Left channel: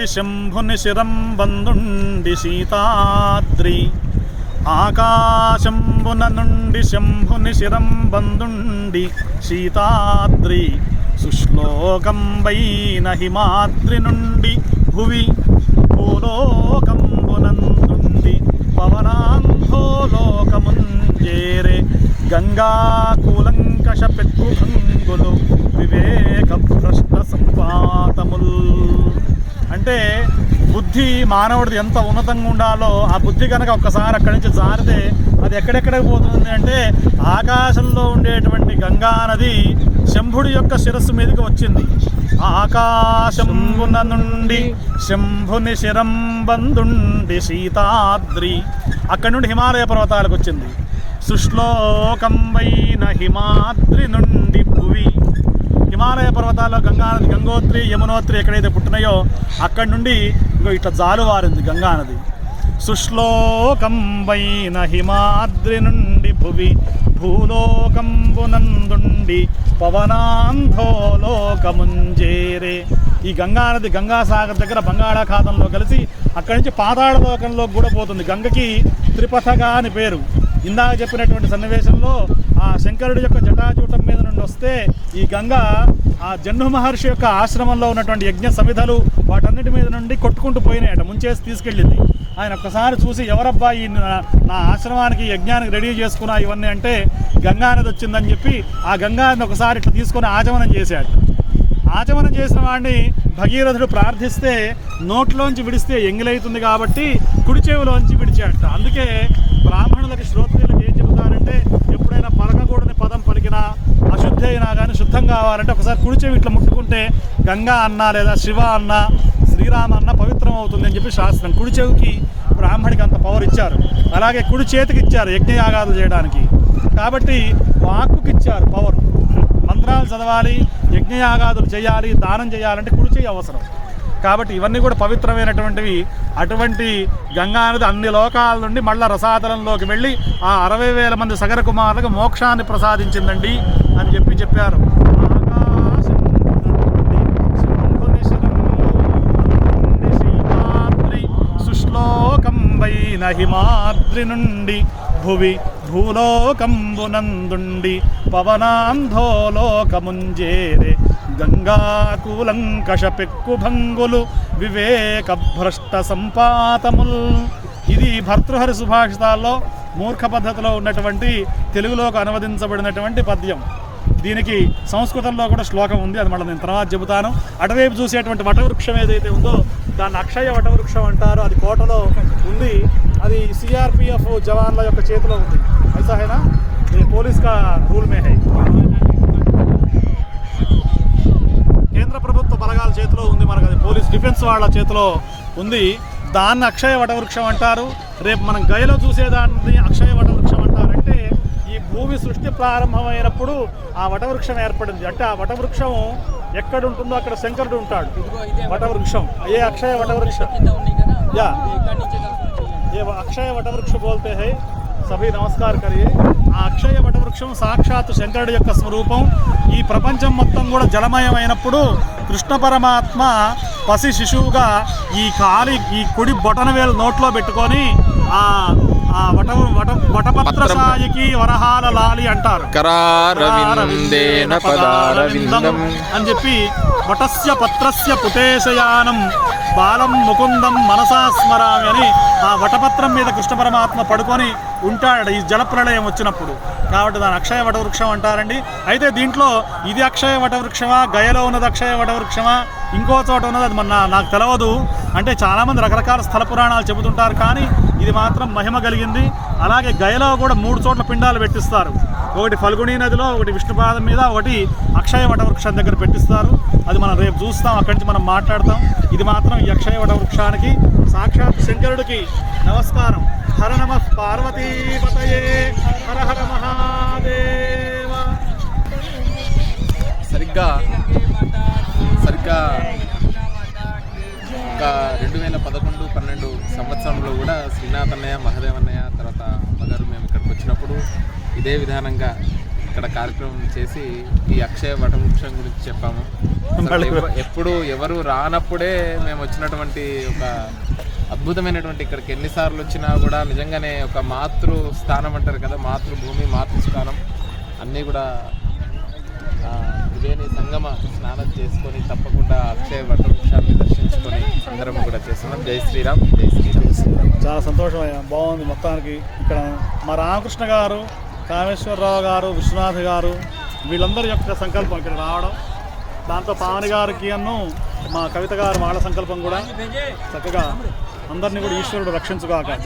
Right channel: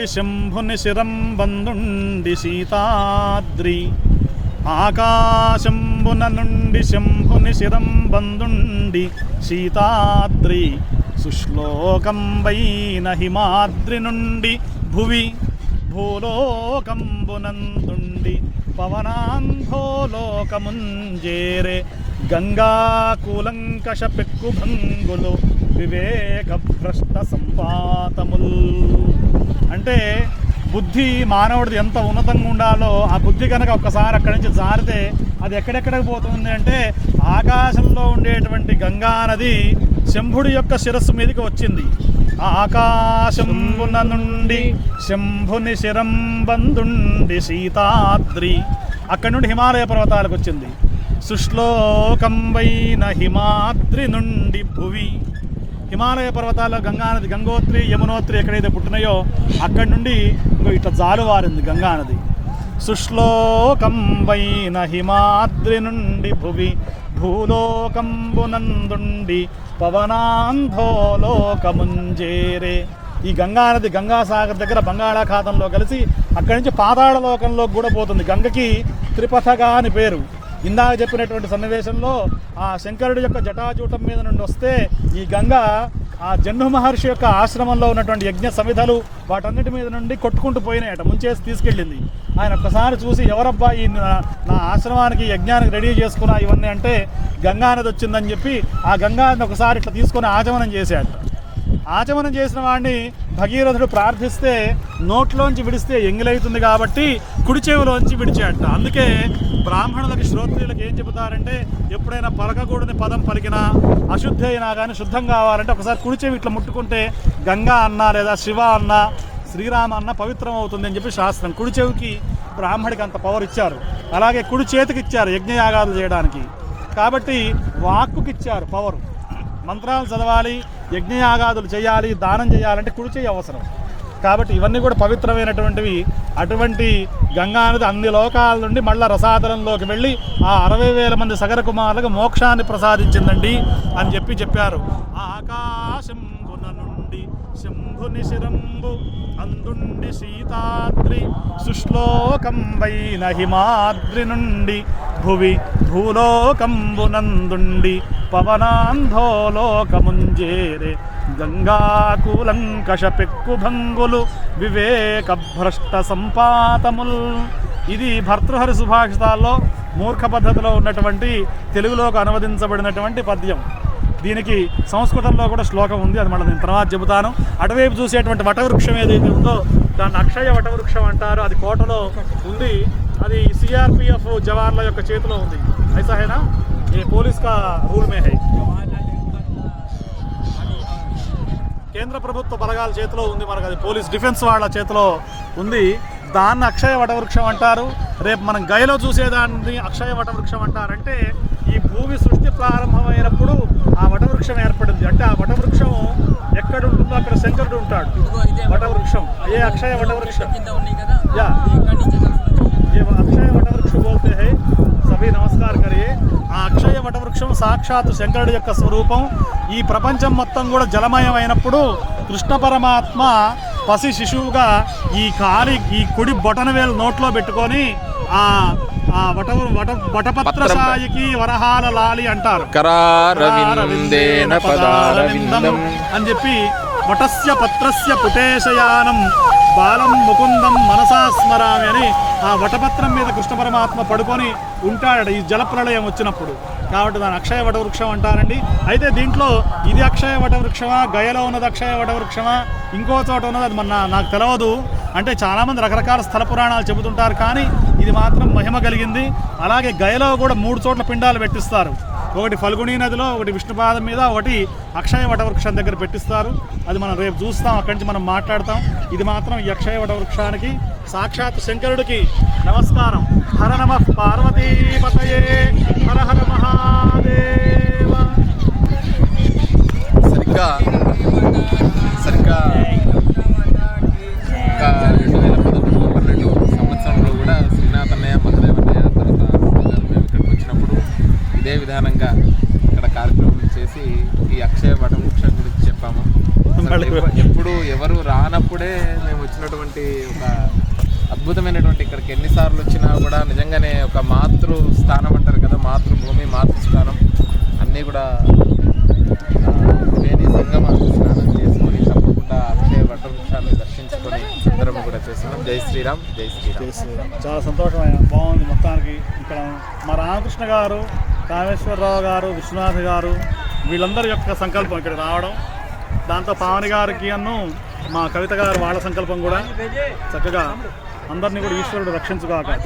నుండి శంభుని శిరం బందుండి సీతాద్రి. ఆకాశంబున నుండి శంభుని శిరం బందుండి సీతాద్రి. సుశ్లోకంబైన హిమాద్రి నుండి భువి భూలోకంబునందుండి పవనాంధోలోకముంజేరే గంగా కూలంకష పెక్కుభంగులు వివేక భ్రష్ట సంపాతముల్ అంటే బుద్ధి మానవుడిది ఎంత ఉన్నతంగా ఉండాలో ఆ బుద్ధి కనుక ఒక్కసారి అక్కడి నుంచి జారితే అది ఎక్కడెక్కడికి పోతుంది అంటే ఆకాశంలో ఉండేటువంటి గంగా నది శంభుడి యొక్క శిరస్సు మీదకి వచ్చింది. ఆకాశంబున నుండి శంభుని శిరంబందుండి సీతాద్రి. అక్కడి నుండి హిమాలయ పర్వతాలకు వచ్చింది. సుశ్లోకంబైన హిమాద్రి నుండి భువి. హిమాలయ పర్వతాల్లో గంగానది గంగోత్రి యమునోత్రి ఎక్కడైతే పుట్టినాయో అక్కడి నుండి ఇట్లా జాలువారింది గంగానది సుశ్లోకంబైన హిమాద్రి నుండి భువి భూలోకంబునందుండి పవనాంధోలోకముంజేరే. ఈ గంగానది గంగాసాగర్ దగ్గర బంగాళాఖాతంలో కలిసి అక్కడి నుంచి పాతాళలోకంలో కూడా పోతుంది. గంగకి త్రిపథగా అని పేరు. ఇందాక చెప్పినటువంటి సన్నివేశంలో ఆ శంకరుడి యొక్క జటాజూటం మీద నుండి వస్తే ఈ గంగ ఆ జన్ను మహర్షి యొక్క ఆశ్రమంలో ఉన్నటువంటి యజ్ఞ సమిధలు వాటన్నిటి మీద నుండి కొట్టుకుంటూ పోయినాయట ముంచేసి తీసుకెళ్ళింది. ఆయన ఒక్కసారి చూసి ఎవరబ్బా ఈ నా- ఆశ్రమానికి యజ్ఞానికి రెడీ చేసుకున్నా ఇవన్నీ అంటే గంగానది వచ్చిందని చెప్పి ఆ గంగానది ఒకసారి ఇట్లా తీసుకొని ఆచమనం చేశాడు. ఆచమనం చేసిన వాడిని భగీరథుడు ప్రార్థిస్తే నోట్లోంచి విడిస్తే ఎంగిలవుతుంది కాబట్టి కుడి చెవిలోంచి విడిచేట. అందుకే బ్రాహ్మణులకి శ్రోత్రులకు ఏం చెబుతారంటే ఎప్పుడైనా పలకకూడని పదం పలికినా అశుద్ధి అయినా కానీ శుద్ధం కావాలంటే ఒకసారి కుడి చెవి ఇట్లా ముట్టుకుంటే గంగా అన్న లేదా శివ అన్న శ్రీరామ అన్న పవిత్రం అవుతుంది అని చెప్పి శాస్త్రం. కుడి చెవికి బ్రాహ్మడికి అంత పవర్ ఇచ్చారు. అలాగే కుడి చేతికి ఇచ్చారు యజ్ఞయాగాలు చేయడానికి. కాబట్టి వాక్కుకి ఇచ్చారు పవర్ మంత్రాలు చదవాలి యజ్ఞయాగాదులు చేయాలి దానం చేయాలంటే కుడి చేయి అవసరం. కాబట్టి ఇవన్నీ కూడా పవిత్రమైనటువంటివి. అటువంటి గంగా నది అన్ని లోకాల నుండి మళ్ళా రసాతలంలోకి వెళ్ళి ఆ అరవై వేల మంది సగర కుమారులకు మోక్షాన్ని ప్రసాదించిందండి అని చెప్పి చెప్పారు. సుశ్లోకం నుండి శంభుని హిమాద్రి నుండి భువి భూలోకంబునందుండి పవనాంధోలోకముంజేరే. గంగాకూలంకష పెక్కుభంగులు వివేక భ్రష్ట సంపాతముల్ ఇది భర్తృహరి సుభాషితాల్లో మూర్ఖ పద్ధతిలో ఉన్నటువంటి తెలుగులోకి అనువదించబడినటువంటి పద్యం. దీనికి సంస్కృతంలో కూడా శ్లోకం ఉంది అది మళ్ళీ నేను తర్వాత చెబుతాను. అటువైపు చూసేటువంటి వటవృక్షం ఏదైతే ఉందో దాన్ని అక్షయ వటవృక్షం అంటారు. అది కోటలో ఉంది అది సిఆర్పిఎఫ్ జవాన్ల యొక్క చేతిలో ఉంది ఐసా హైనా ये पुलिस का रूल में है కేంద్ర ప్రభుత్వ బలగాల చేతిలో ఉంది మనకు అది పోలీస్ డిఫెన్స్ వాళ్ళ చేతిలో ఉంది దాన్ని అక్షయ వటవృక్షం అంటారు రేపు మనం గయలో చూసేదాన్ని అక్షయ వటవృక్షం అంటారంటే ఈ భూమి సృష్టి ప్రారంభమైనప్పుడు ఆ వటవృక్షం ఏర్పడింది అంటే ఆ వటవృక్షం ఎక్కడ ఉంటుందో అక్కడ శంకరుడు ఉంటాడు వటవృక్షం ఏ అక్షయ వటవృక్షం యా ये అక్షయ వటవృక్షం బోల్తే హై సభీ నమస్కార్ కరియే ఆ అక్షయ వటవృక్షం సాక్షాత్ శంకరుడి యొక్క స్వరూపం ఈ ప్రపంచం మొత్తం కూడా జలమయమైనప్పుడు కృష్ణ పరమాత్మ పసి శిశువుగా ఈ కాలి ఈ కుడి బొటనవేలు నోట్లో పెట్టుకొని ఆ వట వట వటపత్ర సాయికి వరహాల లాలి అంటారు. అని చెప్పి వటస్య పత్రస్య పుటేశయానం బాలం ముకుందం మనసా స్మరామి అని ఆ వటపత్రం మీద కృష్ణ పరమాత్మ పడుకొని ఉంటాడు ఈ జలప్రళయం వచ్చినప్పుడు. కాబట్టి దాని అక్షయ వటవృక్షం అంటారండి. అయితే దీంట్లో ఇది అక్షయ వటవృక్షమా గయలో ఉన్నది అక్షయ వటవృక్షమా ఇంకో చోట ఉన్నది అది మన నాకు తెలియదు అంటే చాలామంది రకరకాల స్థల పురాణాలు చెబుతుంటారు కానీ ఇది మాత్రం మహిమ కలిగింది. అలాగే గయలో కూడా మూడు చోట్ల పిండాలు పెట్టిస్తారు. ఒకటి ఫల్గుణి నదిలో ఒకటి విష్ణుపాదం మీద ఒకటి అక్షయ వటవృక్షం దగ్గర పెట్టిస్తారు. అది మనం రేపు చూస్తాం అక్కడి నుంచి మనం మాట్లాడతాం. ఇది మాత్రం ఈ అక్షయ వటవృక్షానికి సాక్షాత్ శంకరుడికి నమస్కారం. హర నమ పార్వతీపతయే. హర హర మహాదేవ. సరిగ్గా సరిగ్గా ఒక రెండు వేల పదకొండు పన్నెండు సంవత్సరంలో కూడా శ్రీనాథన్నయ్య మహదేవన్నయ్య తర్వాత అమ్మగారు మేము ఇక్కడికి వచ్చినప్పుడు ఇదే విధానంగా ఇక్కడ కార్యక్రమం చేసి ఈ అక్షయ వటవృక్షం గురించి చెప్పాము. ఎప్పుడు ఎవరు రానప్పుడే మేము వచ్చినటువంటి ఒక అద్భుతమైనటువంటి ఇక్కడికి ఎన్నిసార్లు వచ్చినా కూడా నిజంగానే ఒక మాతృ స్థానం అంటారు కదా మాతృభూమి మాతృస్థానం. అన్నీ కూడా ఆ, సంగమ స్నానం చేసుకొని తప్పకుండా అక్షయ వట వృక్షాన్ని దర్శించుకొని అందరం కూడా చేస్తున్నాం. జై శ్రీరామ్ జై శ్రీరామ్. చాలా సంతోషమే. బాగుంది మొత్తానికి ఇక్కడ మా రామకృష్ణ గారు కామేశ్వరరావు గారు విశ్వనాథ్ గారు వీళ్ళందరి యొక్క సంకల్పం ఇక్కడ రావడం. దాంతో పావని గారికి అన్ను మా కవిత గారు వాళ్ళ సంకల్పం కూడా చక్కగా అందరినీ కూడా ఈశ్వరుడు రక్షించుగాక.